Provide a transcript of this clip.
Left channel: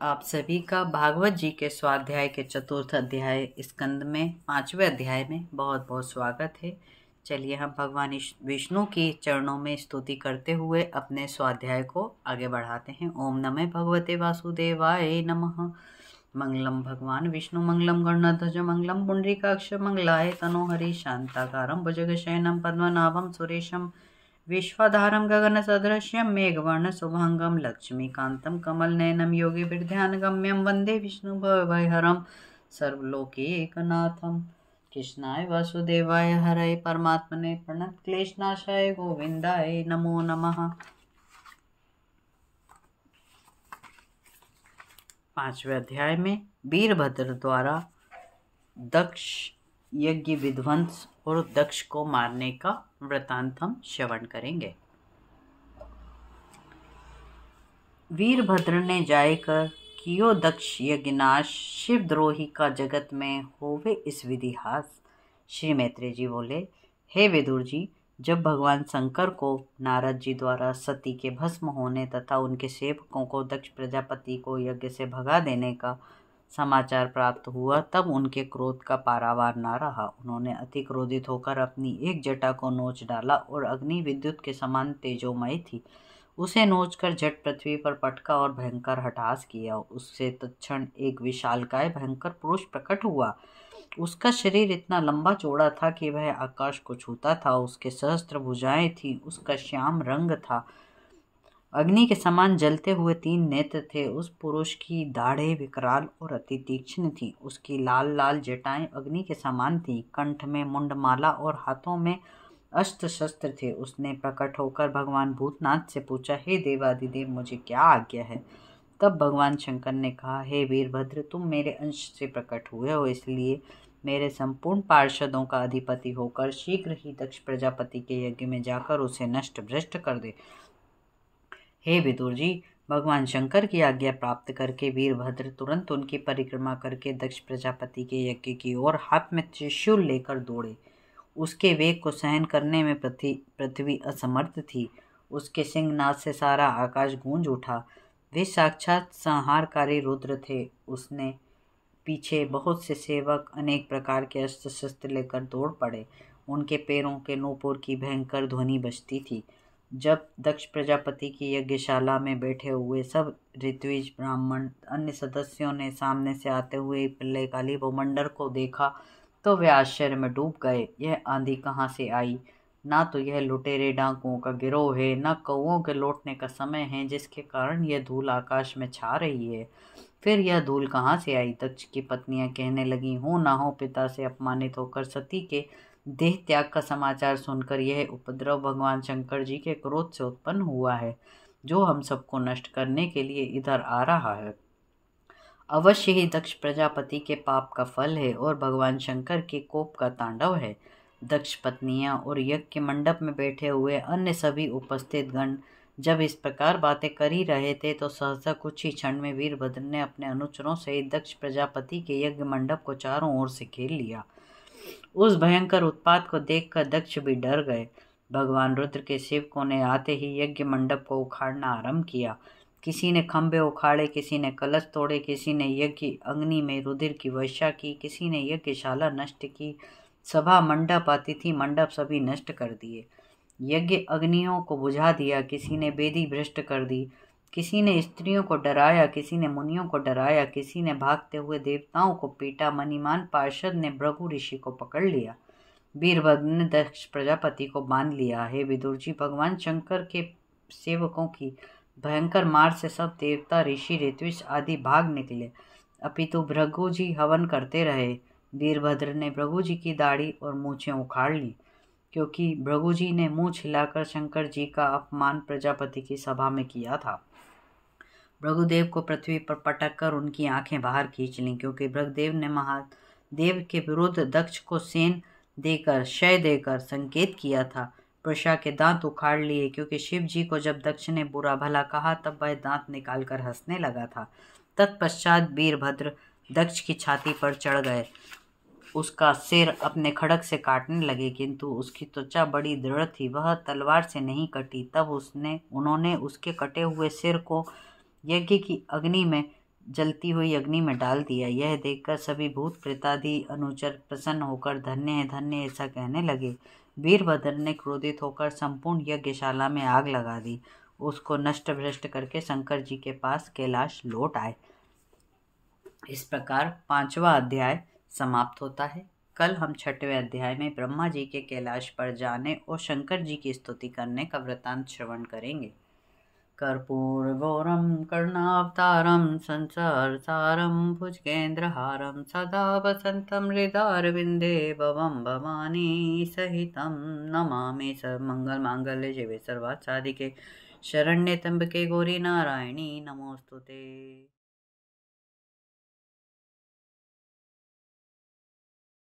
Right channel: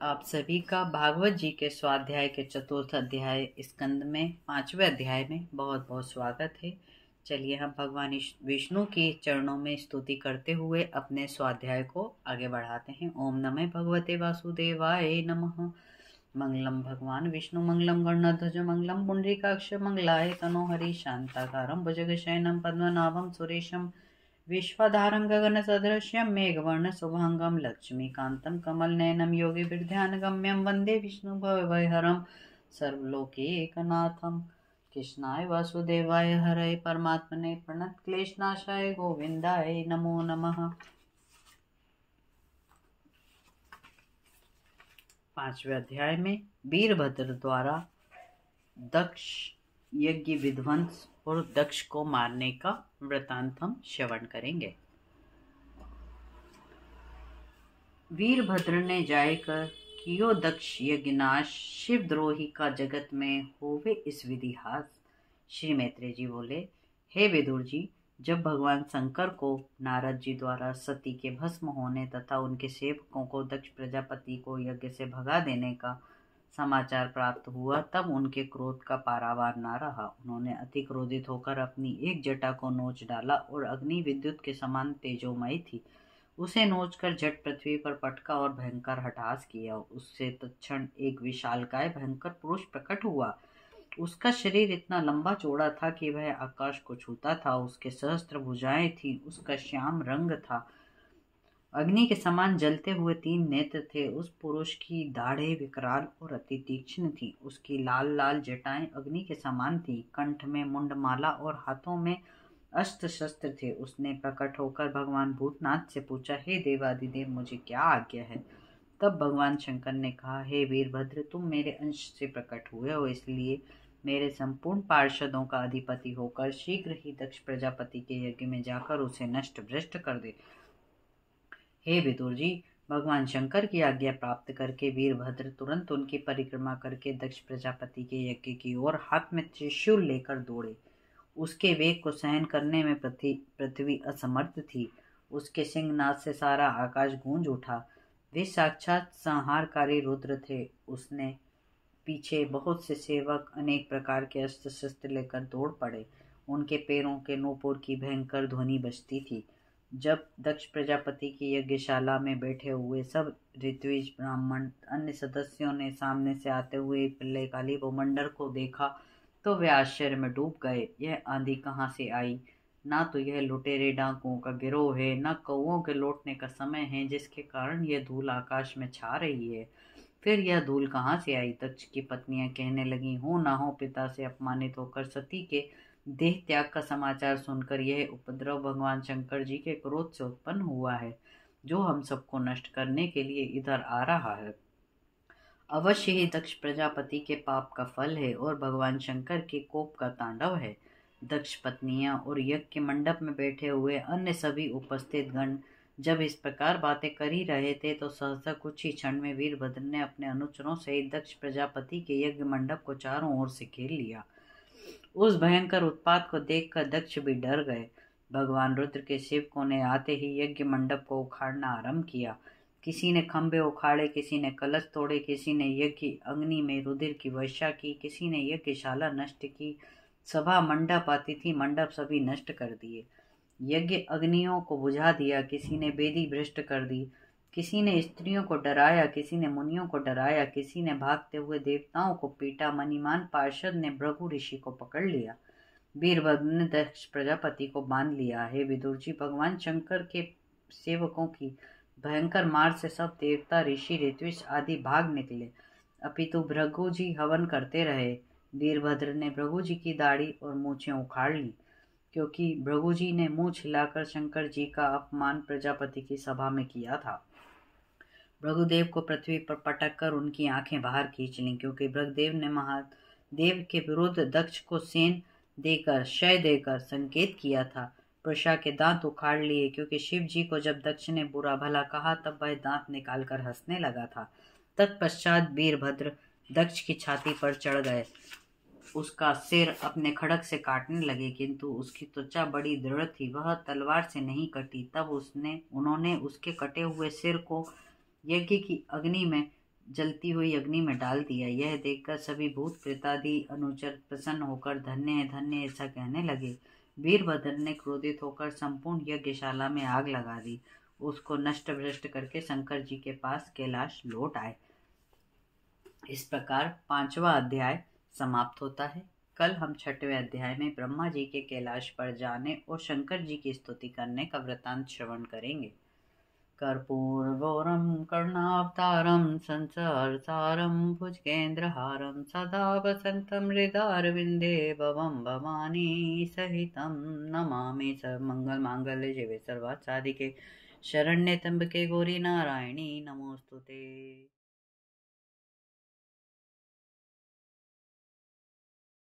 आप सभी का भागवत जी के स्वाध्याय के चतुर्थ अध्याय स्कंद में 5वें अध्याय में बहुत बहुत स्वागत है। चलिए हम भगवान विष्णु की चरणों में स्तुति करते हुए अपने स्वाध्याय को आगे बढ़ाते हैं। ओम नमः भगवते वासुदेवाय नमः। मंगलम भगवान विष्णु मंगलम गणध्वज मंगलम पुंडरीकाक्ष मंगलाय तनोहरि शांताकारं भुजगशयनं पद्मनाभं सुरेशं विश्वाधारं गगनसदृश्यं मेघवर्णं शुभांगं लक्ष्मीकान्तं कमलनयनं योगिभिर्ध्यानगम्यं वन्दे विष्णुभवभयहरं सर्वलोकैकनाथं। कृष्णाय वासुदेवाय हरये परमात्मने प्रणतक्लेशनाशाय गोविन्दाय नमो नमः। 5वें अध्याय में वीरभद्र द्वारा दक्ष यज्ञ विध्वंस और दक्ष को मारने का वृतांत हम श्रवण करेंगे। वीरभद्र ने जायकर कियो दक्ष यज्ञनाश, शिवद्रोही का जगत में होवे इस विधिहास। श्री मैत्रेय जी बोले, हे विदुर जी, जब भगवान शंकर को नारद जी द्वारा सती के भस्म होने तथा उनके सेवकों को दक्ष प्रजापति को यज्ञ से भगा देने का समाचार प्राप्त हुआ, तब उनके क्रोध का पारावार न रहा। उन्होंने अति क्रोधित होकर अपनी एक जटा को नोच डाला और अग्नि विद्युत के समान तेजोमयी थी, उसे नोचकर झट पृथ्वी पर पटका और भयंकर हठास किया। उससे तत्क्षण एक विशालकाय भयंकर पुरुष प्रकट हुआ। उसका शरीर इतना लंबा चौड़ा था कि वह आकाश को छूता था। उसके सहस्त्र भुजाएं थी, उसका श्याम रंग था, अग्नि के समान जलते हुए 3 नेत्र थे। उस पुरुष की दाढ़ें विकराल और अति तीक्ष्ण थी। उसकी लाल लाल जटाएं अग्नि के समान थी, कंठ में मुंडमाला और हाथों में अस्त्र शस्त्र थे। उसने प्रकट होकर भगवान भूतनाथ से पूछा, हे देवादिदेव, मुझे क्या आज्ञा है? तब भगवान शंकर ने कहा, हे वीरभद्र, तुम मेरे अंश से प्रकट हुए हो, इसलिए मेरे संपूर्ण पार्षदों का अधिपति होकर शीघ्र ही दक्ष प्रजापति के यज्ञ में जाकर उसे नष्ट भ्रष्ट कर दे। हे विदुर जी, भगवान शंकर की आज्ञा प्राप्त करके वीरभद्र तुरंत उनकी परिक्रमा करके दक्ष प्रजापति के यज्ञ की ओर हाथ में त्रिशूल लेकर दौड़े। उसके वेग को सहन करने में पृथ्वी असमर्थ थी। उसके सिंहनाद से सारा आकाश गूंज उठा। वे साक्षात संहारकारी रुद्र थे। उसने पीछे बहुत से सेवक अनेक प्रकार के अस्त्र शस्त्र लेकर दौड़ पड़े। उनके पैरों के नूपुर की भयंकर ध्वनि बजती थी। जब दक्ष प्रजापति की यज्ञशाला में बैठे हुए सब ऋत्विज ब्राह्मण अन्य सदस्यों ने सामने से आते हुए प्रलयकाली भूमंडल को देखा तो वे आश्चर्य में डूब गए। यह आंधी कहाँ से आई? ना तो यह लुटेरे डाकुओं का गिरोह है, न कौओं के लौटने का समय है जिसके कारण यह धूल आकाश में छा रही है। फिर यह धूल कहाँ से आई? दक्ष की पत्नियां कहने लगी, हो ना हो पिता से अपमानित होकर सती के देह त्याग का समाचार सुनकर यह उपद्रव भगवान शंकर जी के क्रोध से उत्पन्न हुआ है, जो हम सबको नष्ट करने के लिए इधर आ रहा है। अवश्य ही दक्ष प्रजापति के पाप का फल है और भगवान शंकर के कोप का तांडव है। दक्ष पत्नियां और यज्ञ के मंडप में बैठे हुए अन्य सभी उपस्थित गण जब इस प्रकार बातें कर ही रहे थे तो सहसा कुछ ही क्षण में वीरभद्र ने अपने अनुचरों सहित दक्ष प्रजापति के यज्ञ मंडप को चारों ओर से घेर लिया। उस भयंकर उत्पात को देखकर दक्ष भी डर गए। भगवान रुद्र के सेवकों ने आते ही यज्ञ मंडप को उखाड़ना आरंभ किया। किसी ने खंभे उखाड़े, किसी ने कलश तोड़े, किसी ने यज्ञ अग्नि में रुधिर की वर्षा की, किसी ने यज्ञशाला नष्ट की, सभा मंडप अतिथि मंडप सभी नष्ट कर दिए। यज्ञ अग्नियों को बुझा दिया, किसी ने वेदी भ्रष्ट कर दी, किसी ने स्त्रियों को डराया, किसी ने मुनियों को डराया, किसी ने भागते हुए देवताओं को पीटा। मणिमान पार्षद ने भृगु ऋषि को पकड़ लिया। वीरभद्र ने दक्ष प्रजापति को बांध लिया। हे विदुर जी, भगवान शंकर के सेवकों की भयंकर मार से सब देवता ऋषि ऋत्विज आदि भाग निकले, अपितु भृगु जी हवन करते रहे। वीरभद्र ने भृगु जी की दाढ़ी और मूछें उखाड़ ली, क्योंकि भृगु जी ने मुंह छिलाकर शंकर जी का अपमान प्रजापति की सभा में किया था। भृगुदेव को पृथ्वी पर पटक कर उनकी आंखें बाहर खींच लीं, क्योंकि भृगुदेव ने महादेव के विरुद्ध दक्ष को सेन देकर क्षय देकर संकेत किया था। वृषा के दांत उखाड़ लिए, क्योंकि शिव जी को जब दक्ष ने बुरा भला कहा तब वह दांत निकालकर हंसने लगा था। तत्पश्चात वीरभद्र दक्ष की छाती पर चढ़ गए, उसका सिर अपने खड़ग से काटने लगे, किंतु उसकी त्वचा बड़ी दृढ़ थी, वह तलवार से नहीं कटी। तब उन्होंने उसके कटे हुए सिर को यज्ञ की अग्नि में जलती हुई अग्नि में डाल दिया। यह देखकर सभी भूत प्रेतादि अनुचर प्रसन्न होकर धन्य है धन्य ऐसा कहने लगे। वीरभद्र ने क्रोधित होकर संपूर्ण यज्ञशाला में आग लगा दी। उसको नष्ट भ्रष्ट करके शंकर जी के पास कैलाश लौट आए। इस प्रकार 5वां अध्याय समाप्त होता है। कल हम 6वें अध्याय में ब्रह्मा जी के कैलाश पर जाने और शंकर जी की स्तुति करने का वृतांत श्रवण करेंगे। कर्पूरगौरं करुणावतारं संसारसारं भुजगेन्द्रहारं सदा वसन्तं हृदयारविन्दे भवं भवानी सहितं नमामि सर्वमङ्गलमाङ्गल्ये शिवे सर्वार्थसाधिके शरण्ये त्र्यम्बके गौरी नारायणी नमोस्तुते।